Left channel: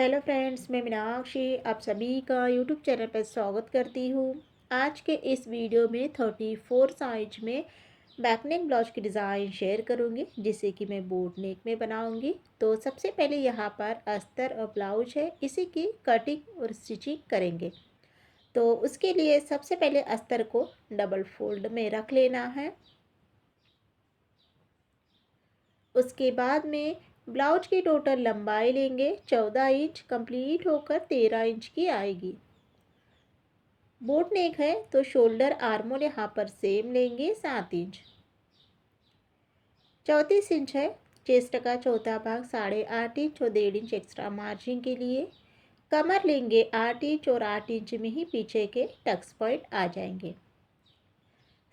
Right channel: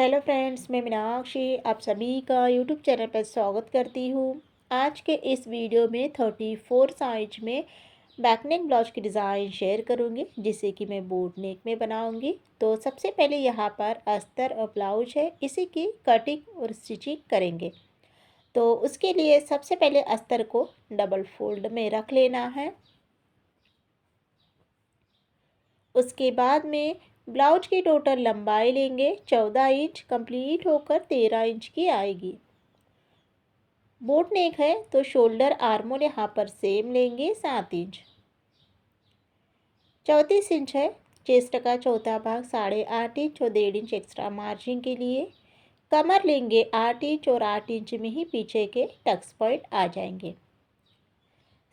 Hello friends, मैं मीनाक्षी आप सभी का यूट्यूब चैनल पर स्वागत करती हूँ। आज के इस वीडियो में 34 साइज में बैक नेक ब्लाउज की डिज़ाइन शेयर करूँगी, जिसे कि मैं बोट नेक में बनाऊँगी। तो सबसे पहले यहाँ पर अस्तर और ब्लाउज है, इसी की कटिंग और स्टिचिंग करेंगे। तो उसके लिए सबसे पहले अस्तर को डबल फोल्ड में रख लेना है। उसके बाद में ब्लाउज की टोटल लंबाई लेंगे 14 इंच, कंप्लीट होकर 13 इंच की आएगी। बोट नेक है तो शोल्डर आर्मोल यहाँ पर सेम लेंगे 7 इंच। 34 इंच है, चेस्ट का चौथा भाग 8.5 इंच और 1.5 इंच एक्स्ट्रा मार्जिन के लिए। कमर लेंगे 8 इंच और 8 इंच में ही पीछे के टक्स पॉइंट आ जाएंगे।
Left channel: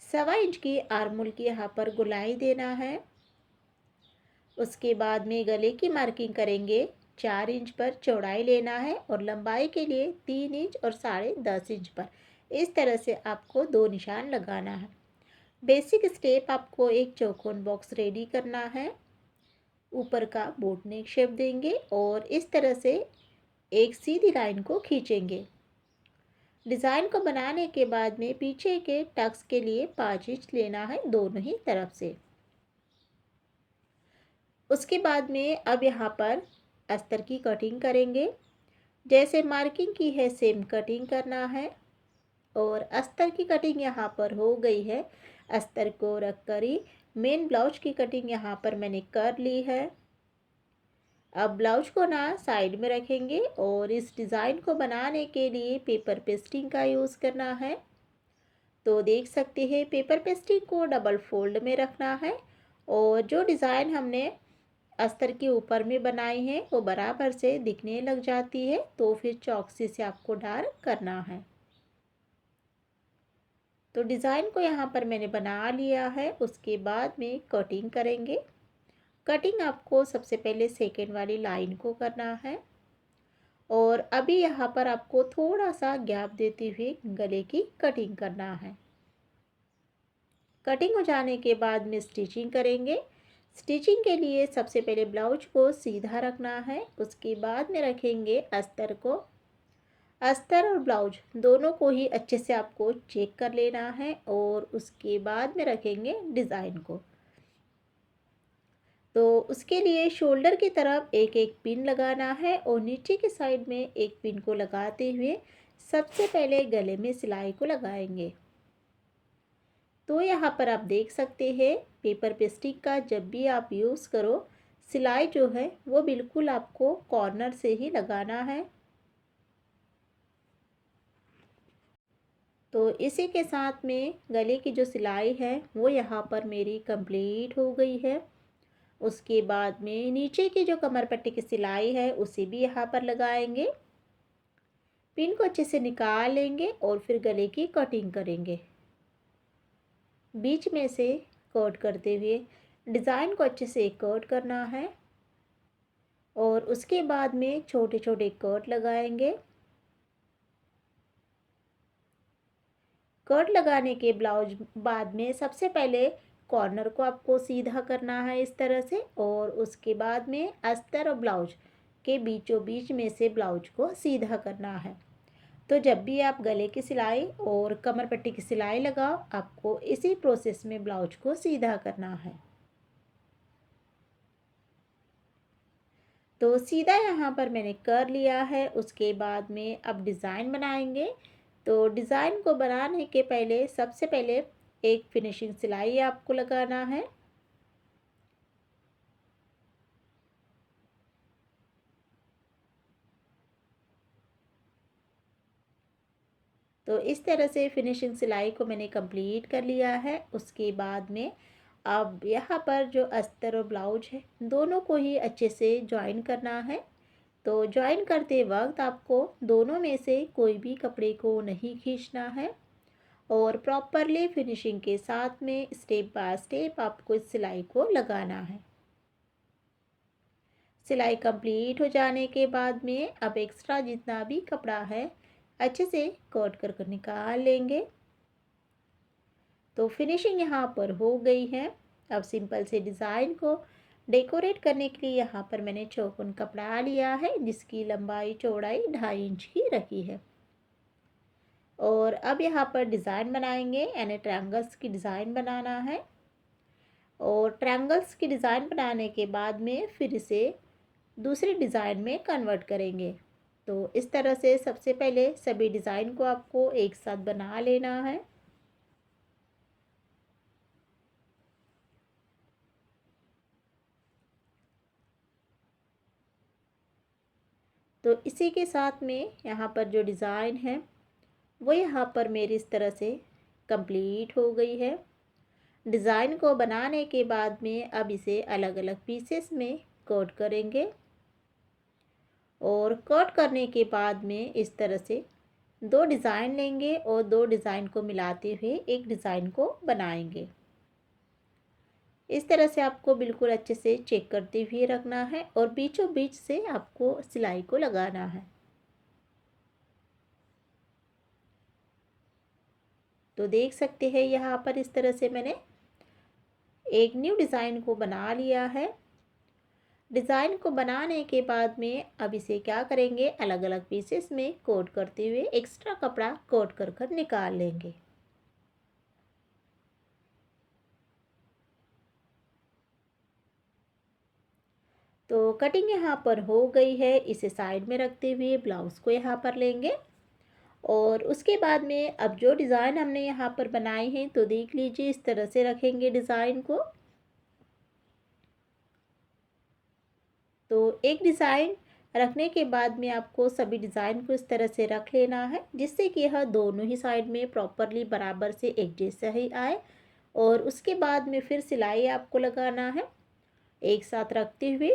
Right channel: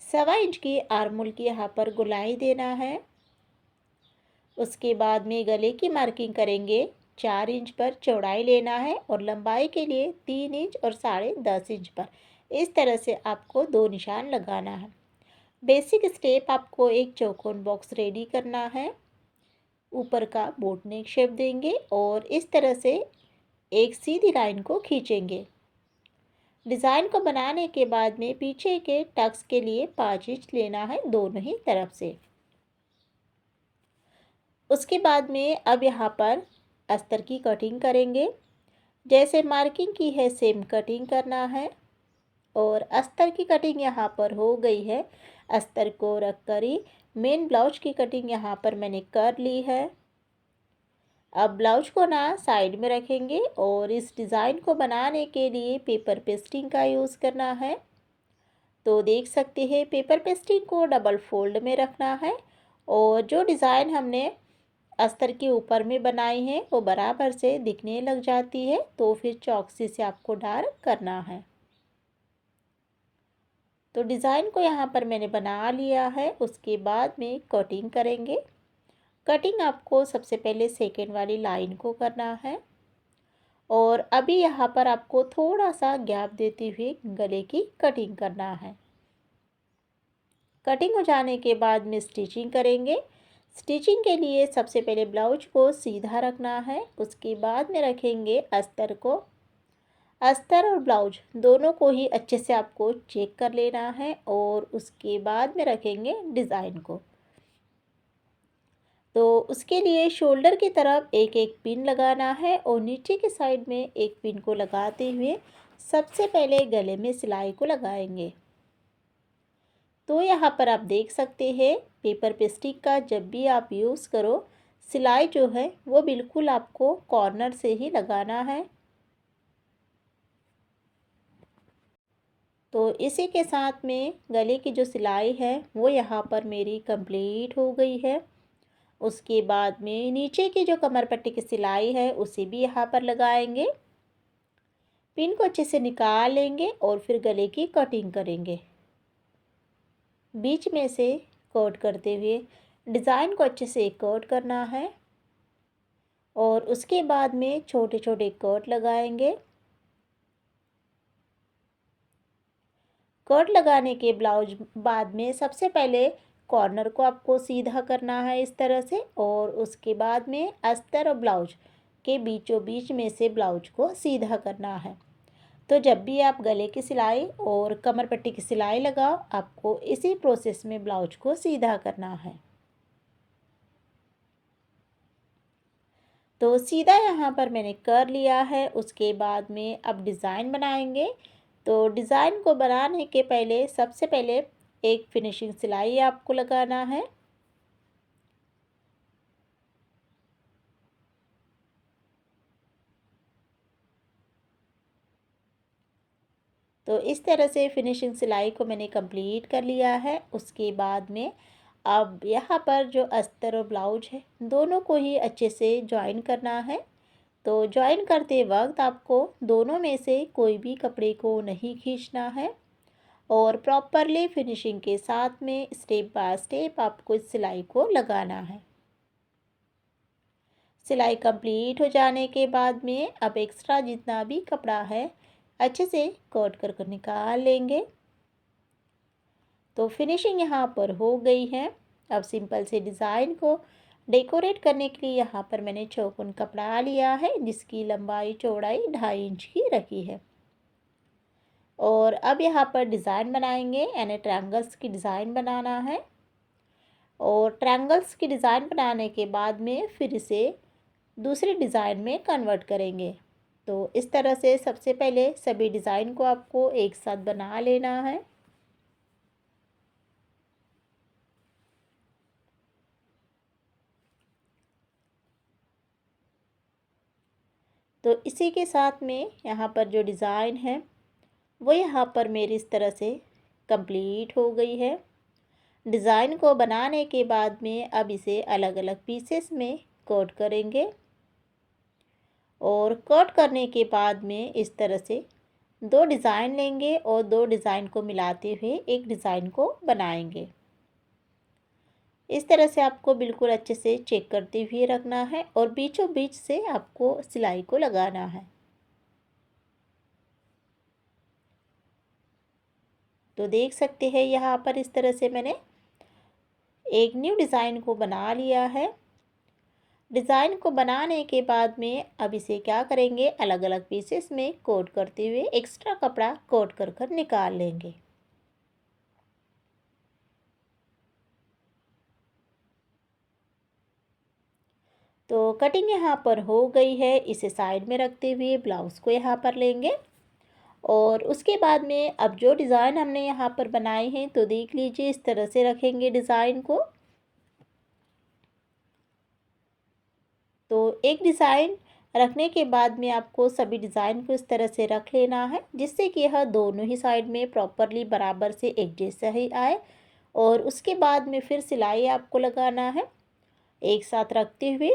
1.25 इंच की आर्मोल की यहाँ पर गोलाई देना है। उसके बाद में गले की मार्किंग करेंगे। 4 इंच पर चौड़ाई लेना है और लंबाई के लिए 3 इंच और 10.5 इंच पर इस तरह से आपको 2 निशान लगाना है। बेसिक स्टेप आपको एक चौकोन बॉक्स रेडी करना है। ऊपर का बोट नेक शेप देंगे और इस तरह से एक सीधी लाइन को खींचेंगे। डिज़ाइन को बनाने के बाद में पीछे के टक्स के लिए 5 इंच लेना है दोनों ही तरफ से। उसके बाद में अब यहाँ पर अस्तर की कटिंग करेंगे। जैसे मार्किंग की है सेम कटिंग करना है और अस्तर की कटिंग यहाँ पर हो गई है। अस्तर को रख कर ही मेन ब्लाउज की कटिंग यहाँ पर मैंने कर ली है। अब ब्लाउज को ना साइड में रखेंगे और इस डिज़ाइन को बनाने के लिए पेपर पेस्टिंग का यूज़ करना है। तो देख सकते हैं पेपर पेस्टिंग को डबल फोल्ड में रखना है और जो डिज़ाइन हमने अस्तर के ऊपर में बनाई है वो बराबर से दिखने लग जाती है। तो फिर चौकसी से आपको डार्क करना है। तो डिज़ाइन को यहाँ पर मैंने बना लिया है। उसके बाद में कटिंग करेंगे। कटिंग आपको सबसे पहले सेकेंड वाली लाइन को करना है और अभी यहाँ पर आपको थोड़ा सा गैप देते हुए गले की कटिंग करना है। कटिंग हो जाने के बाद में स्टिचिंग करेंगे। स्टिचिंग के लिए सबसे पहले ब्लाउज को सीधा रखना है। उसके बाद में रखेंगे अस्तर को। अस्तर और ब्लाउज दोनों को ही अच्छे से आपको चेक कर लेना है और उसके बाद में रखेंगे डिज़ाइन को। तो उसके लिए शोल्डर की तरफ एक एक पिन लगाना है और नीचे की साइड में एक पिन को लगाते हुए सबसे पहले गले में सिलाई को लगाएंगे। तो यहाँ पर आप देख सकते हैं पेपर पेस्टिंग का जब भी आप यूज़ करो सिलाई जो है वो बिल्कुल आपको कॉर्नर से ही लगाना है। तो इसी के साथ में गले की जो सिलाई है वो यहाँ पर मेरी कंप्लीट हो गई है। उसके बाद में नीचे की जो कमर पट्टी की सिलाई है उसे भी यहाँ पर लगाएंगे। पिन को अच्छे से निकाल लेंगे और फिर गले की कटिंग करेंगे। बीच में से कट करते हुए डिज़ाइन को अच्छे से कट करना है और उसके बाद में छोटे छोटे कट लगाएंगे। कट लगाने के ब्लाउज बाद में सबसे पहले कॉर्नर को आपको सीधा करना है इस तरह से और उसके बाद में अस्तर और ब्लाउज के बीचों बीच में से ब्लाउज को सीधा करना है। तो जब भी आप गले की सिलाई और कमर पट्टी की सिलाई लगाओ आपको इसी प्रोसेस में ब्लाउज को सीधा करना है। तो सीधा यहाँ पर मैंने कर लिया है। उसके बाद में अब डिज़ाइन बनाएंगे। तो डिज़ाइन को बनाने के पहले सबसे पहले एक फिनिशिंग सिलाई आपको लगाना है। तो इस तरह से फिनिशिंग सिलाई को मैंने कंप्लीट कर लिया है। उसके बाद में अब यहाँ पर जो अस्तर और ब्लाउज है दोनों को ही अच्छे से ज्वाइन करना है। तो ज्वाइन करते वक्त आपको दोनों में से कोई भी कपड़े को नहीं खींचना है और प्रॉपरली फिनिशिंग के साथ में स्टेप बाय स्टेप आपको इस सिलाई को लगाना है। सिलाई कंप्लीट हो जाने के बाद में अब एक्स्ट्रा जितना भी कपड़ा है अच्छे से कट कर निकाल लेंगे। तो फिनिशिंग यहाँ पर हो गई है। अब सिंपल से डिज़ाइन को डेकोरेट करने के लिए यहाँ पर मैंने चौकोन कपड़ा लिया है जिसकी लंबाई चौड़ाई 2.5 इंच की रखी है। और अब यहाँ पर डिज़ाइन बनाएंगे, यानी ट्रायंगल्स की डिज़ाइन बनाना है। और ट्रायंगल्स की डिज़ाइन बनाने के बाद में फिर इसे दूसरी डिज़ाइन में कन्वर्ट करेंगे। तो इस तरह से सबसे पहले सभी डिज़ाइन को आपको एक साथ बना लेना है। तो इसी के साथ में यहाँ पर जो डिज़ाइन है वो यहाँ पर मेरी इस तरह से कंप्लीट हो गई है। डिज़ाइन को बनाने के बाद में अब इसे अलग अलग पीसेस में कोट करेंगे। और कट करने के बाद में इस तरह से दो डिज़ाइन लेंगे और दो डिज़ाइन को मिलाते हुए एक डिज़ाइन को बनाएंगे। इस तरह से आपको बिल्कुल अच्छे से चेक करते हुए रखना है और बीचों बीच से आपको सिलाई को लगाना है। तो देख सकते हैं यहाँ पर इस तरह से मैंने एक न्यू डिज़ाइन को बना लिया है। डिज़ाइन को बनाने के बाद में अब इसे क्या करेंगे, अलग अलग पीसेस में कोट करते हुए एक्स्ट्रा कपड़ा कोट कर कर निकाल लेंगे। तो कटिंग यहाँ पर हो गई है। इसे साइड में रखते हुए ब्लाउज़ को यहाँ पर लेंगे। और उसके बाद में अब जो डिज़ाइन हमने यहाँ पर बनाए हैं तो देख लीजिए इस तरह से रखेंगे डिज़ाइन को। तो एक डिज़ाइन रखने के बाद में आपको सभी डिज़ाइन को इस तरह से रख लेना है जिससे कि यह दोनों ही साइड में प्रॉपरली बराबर से एक जैसा ही आए। और उसके बाद में फिर सिलाई आपको लगाना है एक साथ रखते हुए।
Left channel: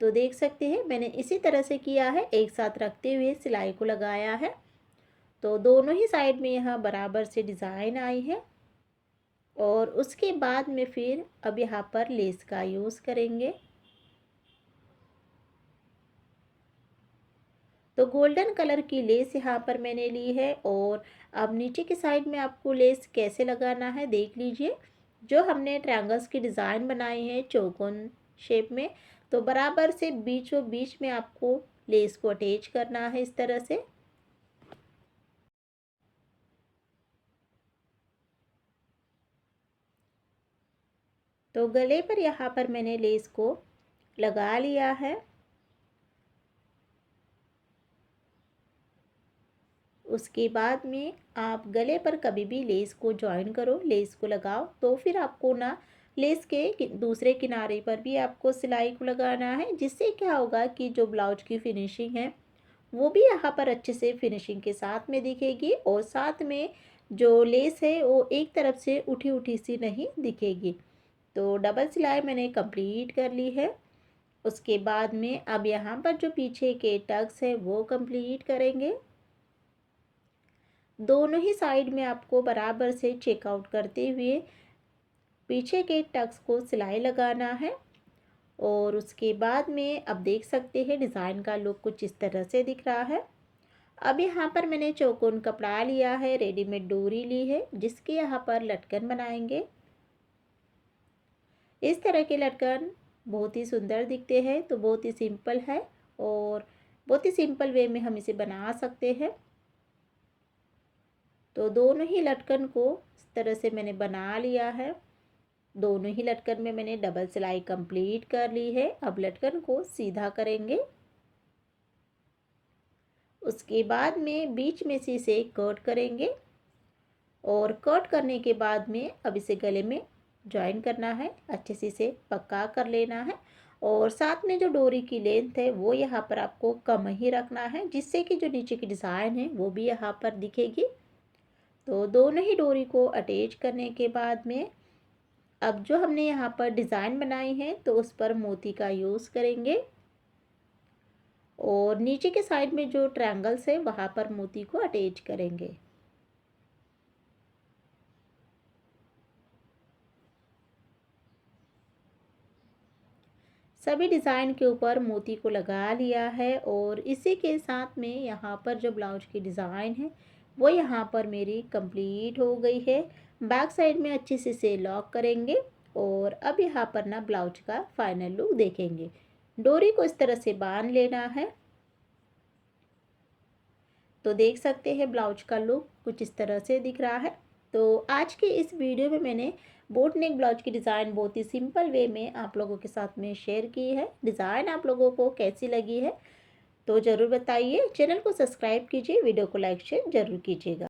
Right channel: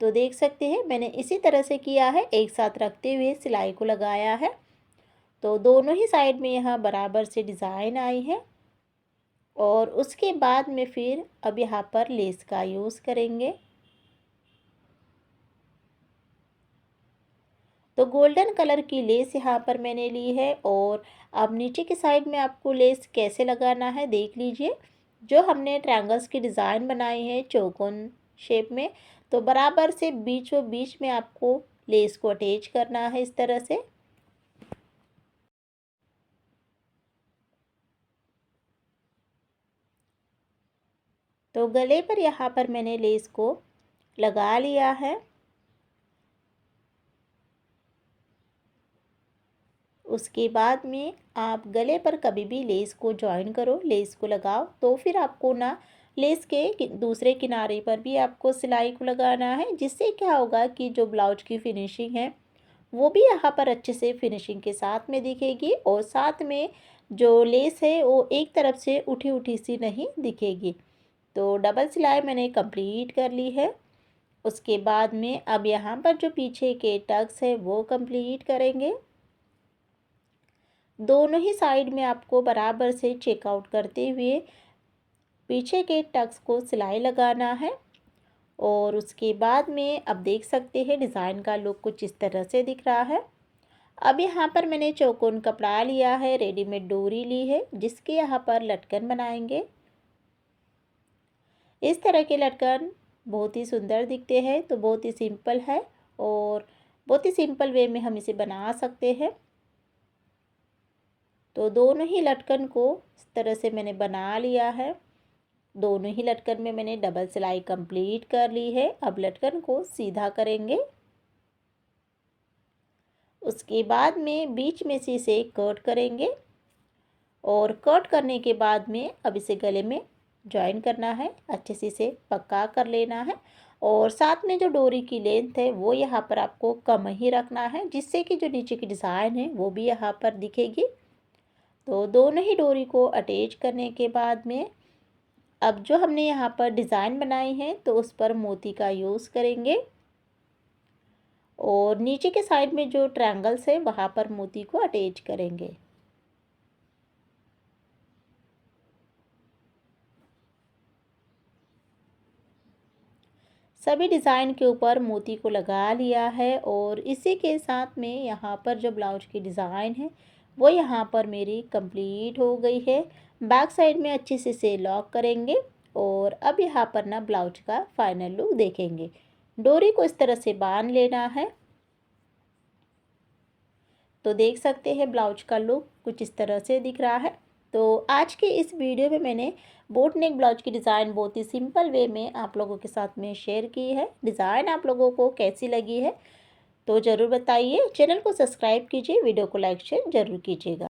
तो देख सकते हैं मैंने इसी तरह से किया है, एक साथ रखते हुए सिलाई को लगाया है। तो दोनों ही साइड में यहाँ बराबर से डिज़ाइन आई है। और उसके बाद में फिर अब यहाँ पर लेस का यूज़ करेंगे। तो गोल्डन कलर की लेस यहाँ पर मैंने ली है। और अब नीचे की साइड में आपको लेस कैसे लगाना है देख लीजिए। जो हमने ट्रायंगल्स की डिज़ाइन बनाई है चौकोन शेप में, तो बराबर से बीचों बीच में आपको लेस को अटैच करना है इस तरह से। तो गले पर यहाँ पर मैंने लेस को लगा लिया है। उसके बाद में आप गले पर कभी भी लेस को जॉइन करो, लेस को लगाओ तो फिर आपको ना लेस के दूसरे किनारे पर भी आपको सिलाई को लगाना है, जिससे क्या होगा कि जो ब्लाउज की फिनिशिंग है वो भी यहाँ पर अच्छे से फिनिशिंग के साथ में दिखेगी। और साथ में जो लेस है वो एक तरफ से उठी उठी सी नहीं दिखेगी। तो डबल सिलाई मैंने कंप्लीट कर ली है। उसके बाद में अब यहाँ पर जो पीछे के टक्स है वो कंप्लीट करेंगे। दोनों ही साइड में आपको बराबर से चेकआउट करते हुए पीछे के टक्स को सिलाई लगाना है। और उसके बाद में अब देख सकते हैं डिज़ाइन का लुक कुछ इस तरह से दिख रहा है। अब यहाँ पर मैंने चौकोन कपड़ा लिया है, रेडीमेड डोरी ली है जिसके यहाँ पर लटकन बनाएंगे। इस तरह के लटकन बहुत ही सुंदर दिखते हैं, तो बहुत ही सिंपल है और बहुत ही सिंपल वे में हम इसे बना सकते हैं। तो दोनों ही लटकन को इस तरह से मैंने बना लिया है। दोनों ही लटकन में मैंने डबल सिलाई कंप्लीट कर ली है। अब लटकन को सीधा करेंगे। उसके बाद में बीच में से इसे कट करेंगे। और कट करने के बाद में अब इसे गले में जॉइन करना है, अच्छे से इसे पक्का कर लेना है। और साथ में जो डोरी की लेंथ है वो यहाँ पर आपको कम ही रखना है, जिससे कि जो नीचे की डिज़ाइन है वो भी यहाँ पर दिखेगी। तो दोनों ही डोरी को अटैच करने के बाद में अब जो हमने यहाँ पर डिज़ाइन बनाई है तो उस पर मोती का यूज़ करेंगे। और नीचे के साइड में जो ट्रायंगल्स है वहाँ पर मोती को अटैच करेंगे। सभी डिज़ाइन के ऊपर मोती को लगा लिया है। और इसी के साथ में यहाँ पर जो ब्लाउज की डिज़ाइन है वो यहाँ पर मेरी कंप्लीट हो गई है। बैक साइड में अच्छे से इसे लॉक करेंगे। और अब यहाँ पर ना ब्लाउज का फाइनल लुक देखेंगे। डोरी को इस तरह से बांध लेना है। तो देख सकते हैं ब्लाउज का लुक कुछ इस तरह से दिख रहा है। तो आज के इस वीडियो में मैंने बोट नेक ब्लाउज की डिज़ाइन बहुत ही सिंपल वे में आप लोगों के साथ में शेयर की है। डिज़ाइन आप लोगों को कैसी लगी है तो ज़रूर बताइए। चैनल को सब्सक्राइब कीजिए, वीडियो को लाइक शेयर ज़रूर कीजिएगा।